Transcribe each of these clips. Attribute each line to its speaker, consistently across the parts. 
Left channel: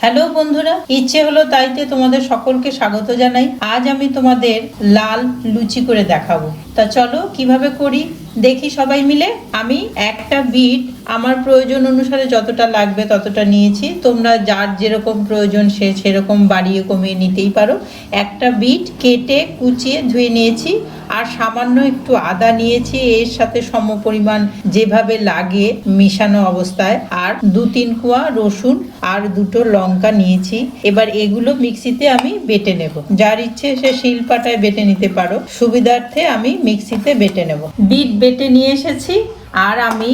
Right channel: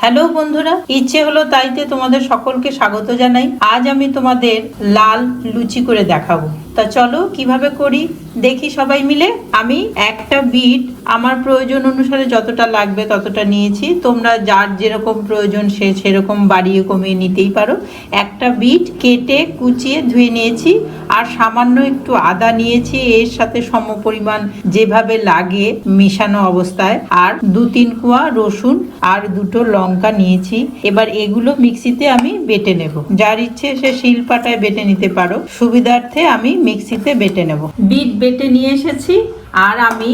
Speaker 1: Hello বন্ধুরা, ইচ্ছে হলো তাইতে তোমাদের সকলকে স্বাগত জানাই। আজ আমি তোমাদের লাল লুচি করে দেখাবো। তা চলো, কীভাবে করি? দেখি সবাই মিলে। আমি একটা বিট, আমার প্রয়োজন অনুসারে যতটা লাগবে ততটা নিয়েছি। তোমরা যার যেরকম প্রয়োজন সে সেরকম বাড়িয়ে কমিয়ে নিতেই পারো। একটা বিট কেটে, কুচিয়ে ধুয়ে নিয়েছি। আর সামান্য একটু আদা নিয়েছি, এর সাথে সম পরিমাণ যেভাবে লাগে মেশানো অবস্থায়। আর দু তিন কুয়া রসুন আর দুটো লঙ্কা নিয়েছি। এবার এগুলো মিক্সিতে আমি বেটে নেব। যার ইচ্ছে সে শিলপাটায় বেটে নিতে পারো। সুবিধার্থে আমি মিক্সিতে বেটে নেব। বিট বেটে নিয়ে এসেছি, আর আমি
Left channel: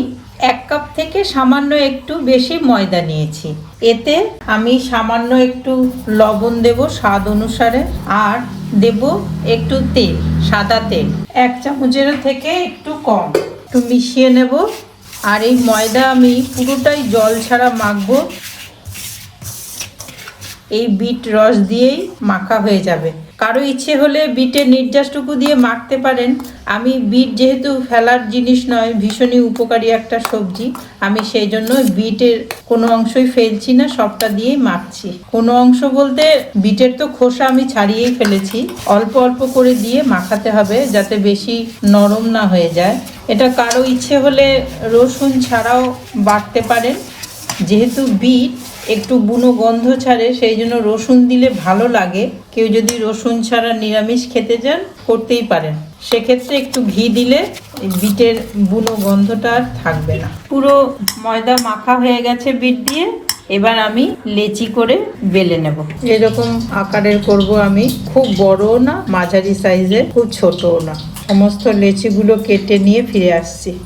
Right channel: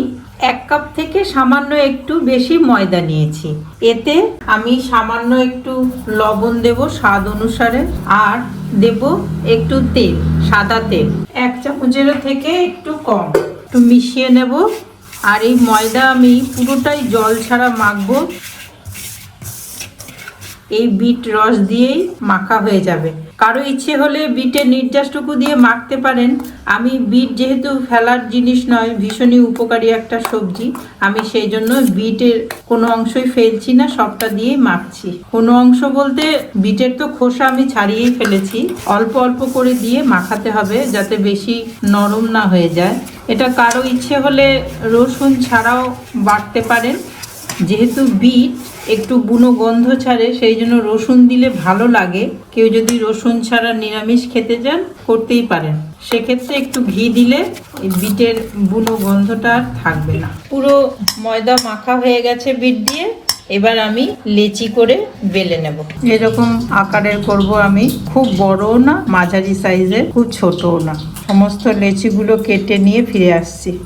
Speaker 1: এক কাপ থেকে সামান্য একটু বেশি ময়দা নিয়েছি। এতে আমি সামান্য একটু লবণ দেব স্বাদ অনুসারে, আর দেব একটু তেল, সাদা তেল। এক চামচেরও থেকে একটু কম। একটু মিশিয়ে নেব, আর এই ময়দা আমি পুরোটাই জল ছাড়া মাখবো। এই বিট রস দিয়েই মাখা হয়ে যাবে। কারও ইচ্ছে হলে বিটের নির্যাসটুকু দিয়ে মাখতে পারেন। আমি বিট যেহেতু ফেলার জিনিস নয়, ভীষণই উপকারী একটা সবজি। আমি সেই জন্য বিটের কোনো অংশই ফেলছি না, সবটা দিয়ে মাখছি। কোনো অংশ বলতে বিটের তো খোসা আমি ছাড়িয়েই ফেলেছি। অল্প অল্প করে দিয়ে মাখাতে হবে যাতে বেশি নরম না হয়ে যায়। এটা কারও ইচ্ছে হলে রসুন ছাড়াও বাটতে পারেন। যেহেতু বিট একটু বুনো গন্ধ ছাড়ে, সেই জন্য রসুন দিলে ভালো লাগে। কেউ যদি রসুন ছাড়া নিরামিষ খেতে চান, করতেই পারেন। সেক্ষেত্রে একটু ঘি দিলে বিটের বুনো গন্ধটা আর থাকবে না। পুরো ময়দা মাখা হয়ে গেছে বিট দিয়ে। এবার আমি লেচি করে বেলে নেব। এরকম আকারের করব আমি। খুব বড়ও না, মাঝারি সাইজের, খুব ছোটও না। সমস্ত লেচিগুলো কেটে নিয়ে ফিরে আসছি।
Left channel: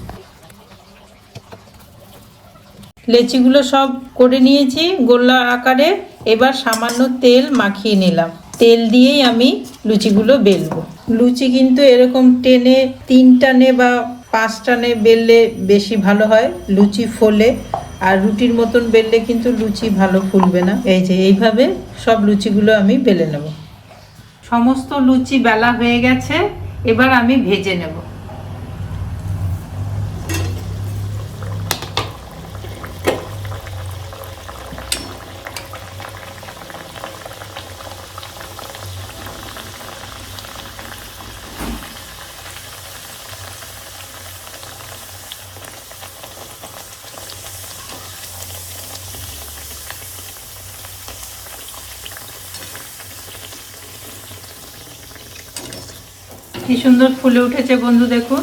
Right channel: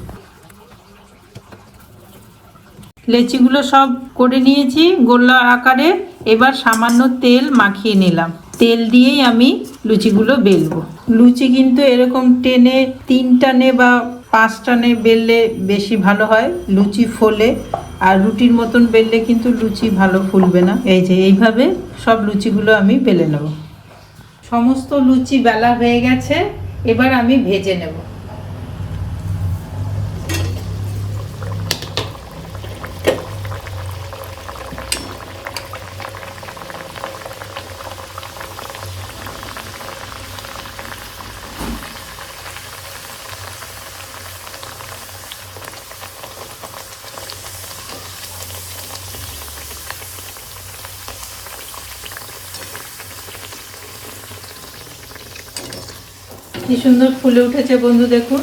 Speaker 1: লেচিগুলো সব করে নিয়েছি গোল্লা আকারে। এবার সামান্য তেল মাখিয়ে নিলাম। তেল দিয়েই আমি লুচিগুলো বেলবো। লুচি কিন্তু এরকম টেনে তিন টানে বা পাঁচ টানে বেললে বেশি ভালো হয়, লুচি ফোলে। আর রুটির মতন বেললে কিন্তু লুচি ভালো ফুলবে না। এই যে এইভাবে সব লুচিগুলো আমি বেলে নেব। সমস্ত লুচি বেলা হয়ে গেছে, এবার আমি ভেজে নেব। কি সুন্দর ফুলে উঠেছে বন্ধু, দেখুন।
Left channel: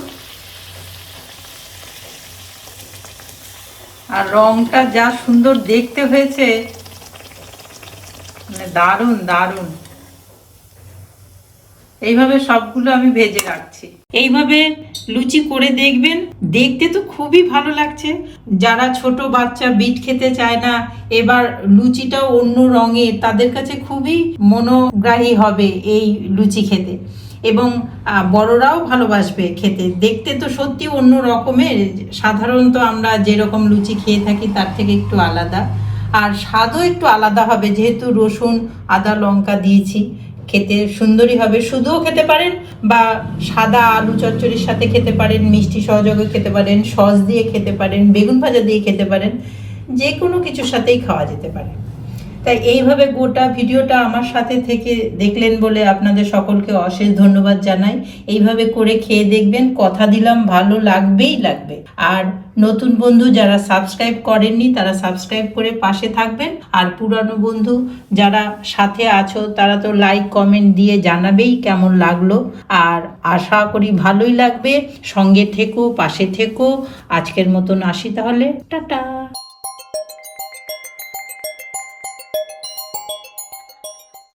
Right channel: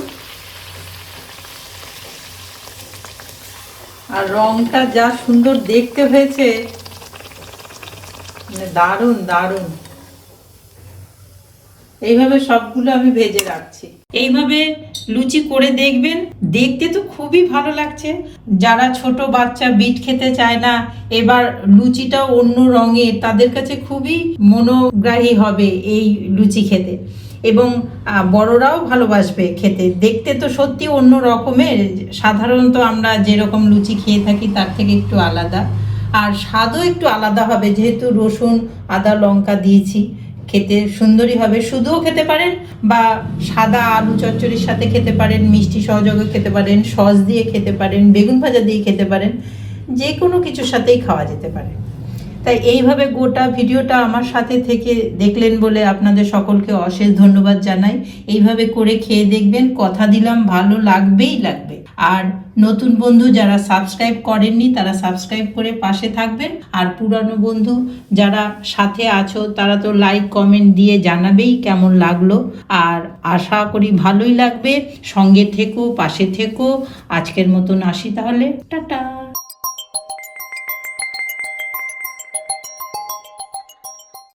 Speaker 1: আর রংটা যা সুন্দর দেখতে হয়েছে মানে দারুণ দারুণ। এইভাবে সবগুলো আমি ভেজে রাখছি। এইভাবে লুচি করে দেখবেন, দেখতে তো খুবই ভালো লাগছে। যারা ছোট বাচ্চা বিট খেতে চায় না, এবার লুচিটাও অন্য রঙের তাদের কাছে খুবই মনোগ্রাহী হবে এই লুচি খেতে। এবং বড়রাও ভালোবাসবে খেতে। দেখতে তো সত্যি অন্য রকমের। সাধারণত আমরা যেরকম লুচি খেয়ে থাকি, তার থেকে একটু আলাদা। আর স্বাদও একটু আলাদা হবে। যেহেতু রসুন, আদা, লঙ্কা দিয়েছি, খেতে সুন্দরই হবে। শুধুও খেতে পারেন বা সাদা আলু চচ্চড়ির সাথে খেতে পারেন, মিষ্টি সহযোগে খেতে পারেন, সস দিয়ে খেতে পারেন, বেগুন ভাজা দিয়ে খেতে পারেন যে কোনো কিছুর সাথেই খাওয়া যেতে পারে। তাই এইভাবে গোটা ভিডিওটা আমার সাথে থেকে দেখলেন বলে আপনাদের সকলকে অশেষ ধন্যবাদ জানাই। এইভাবে করে খেয়ে দেখবেন, কথা দিলাম, ভালো লাগবেই লাগবে। আর নতুন বন্ধু যারা সাবস্ক্রাইব করেননি, তারা সাবস্ক্রাইব করে পাশে থাকবেন। আর পুরানো বন্ধু যারা সাথে আছো, তারা তো লাইক কমেন্ট দিয়ে জানাবেই কেমন লাগল। আর আশা করি ভালোই লাগবে। সঙ্গে থেকো, পাশে থেকো। আজকের মতন আসি তাহলে। টাটা!